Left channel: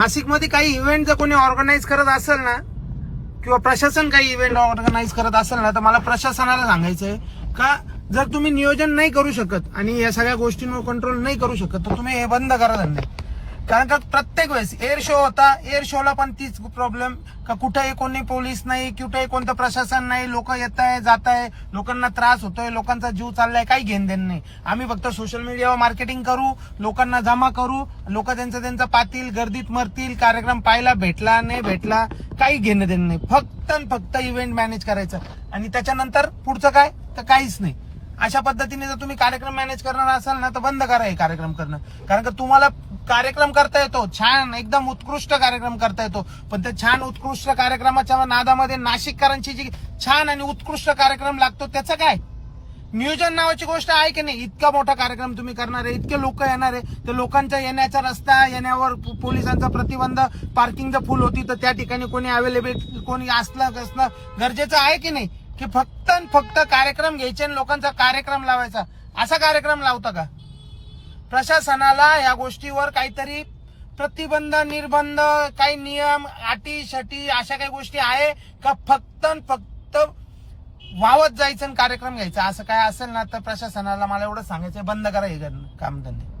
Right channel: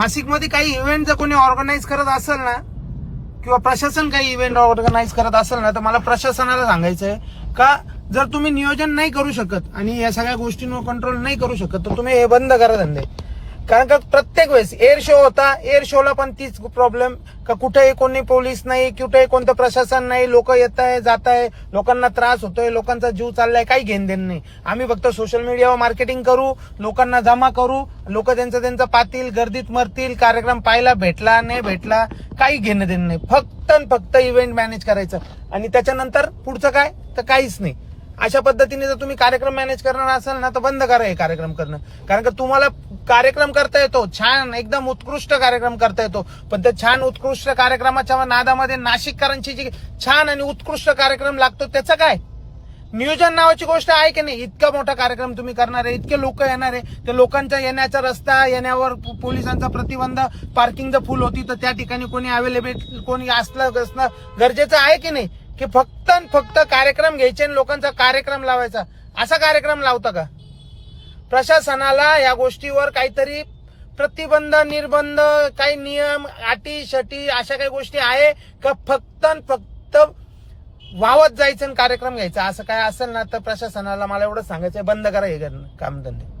नाशिकमध्ये काही इव्हेंट जर कोणी ऑर्गनाईज करत असेल ना, किंवा प्रशासन काही इव्हेंट ऑर्गनाईज करत असेल ना, तर मला प्रशासनाला सांगायचंय का जर तुम्ही नियोजन नाही करू शकत आणि या सगळ्या गोष्टींवर कंट्रोल नाही करू शकत तर तुम्ही हे बंद करा धंदे. कारण का प्रत्येक वेळेस एअर शो होता, एअर शोला पण तीच प्रॉब्लेम का कुठेही कोणी पोलीस नाही, कुठेही कोणतं प्रशासन नाही, लोक येत आहे जात आहे, लोकांना त्रास होतोय, लोकांचा जीव चाललाय, काही घेण देण नाही. आम्ही फक्त सोशल मीडियावर मार्केटिंग करू, लोकांना जमा करू, लोक त्यांचं पातील, गर्दीत मरतील, कार्यक्रम पाहायला भेटला नाही भेटला काही घेणं देणं नाही. फक्त इव्हेंट मॅनेज करायचं आणि त्याच्यानंतर पुढचं काय तर काहीच नाही. अशा पद्धतीने जर तुम्ही कार्यक्रम मॅनेज करणार असाल ना तर बंद करा हे कार्यक्रम करणं. कारण का तुम्हाला कार्यक्रम करता येतो, छान एकदम उत्कृष्ट कार्यक्रम करता येतो, पण त्या छान उत्कृष्ट कार्यक्रमाच्या नादामध्ये नाशिककरांची जी छान आणि उत्कृष्ट कार्यक्रम लागतो त्याचं काय नियोजन नावाची गोष्ट आहे की नाही. इतका मोठा कार्यक्रम तुम्ही करणार आहे, इतके लोक येणार आहे, त्या लोकांच्या येण्याचा रस्ता, येण्यावर पोलिसांचा प्रतिबंध, पार्किंग जर फुल होती तर त्या ठिकाणी कोणी अवेलेबल कोणी असणं गरजेचं आहे की नाही. की फक्त कार्यक्रम घ्यायचे आणि लोकांचा कार्यक्रम लावायचा. असा कार्यक्रम लावता का? प्रशासनाला या गोष्टीवर काहीतरी प्रतिबंध, निर्बंध, काही नियम, अटी शटी अशा काही गोष्टी आहे का? फक्त वावत जायचं आणि कार्यक्रम घ्यायचा असं काय असेल ना तर प्रशासनाला मला एवढंच सांगायचं बंद करा हे कामधंदे.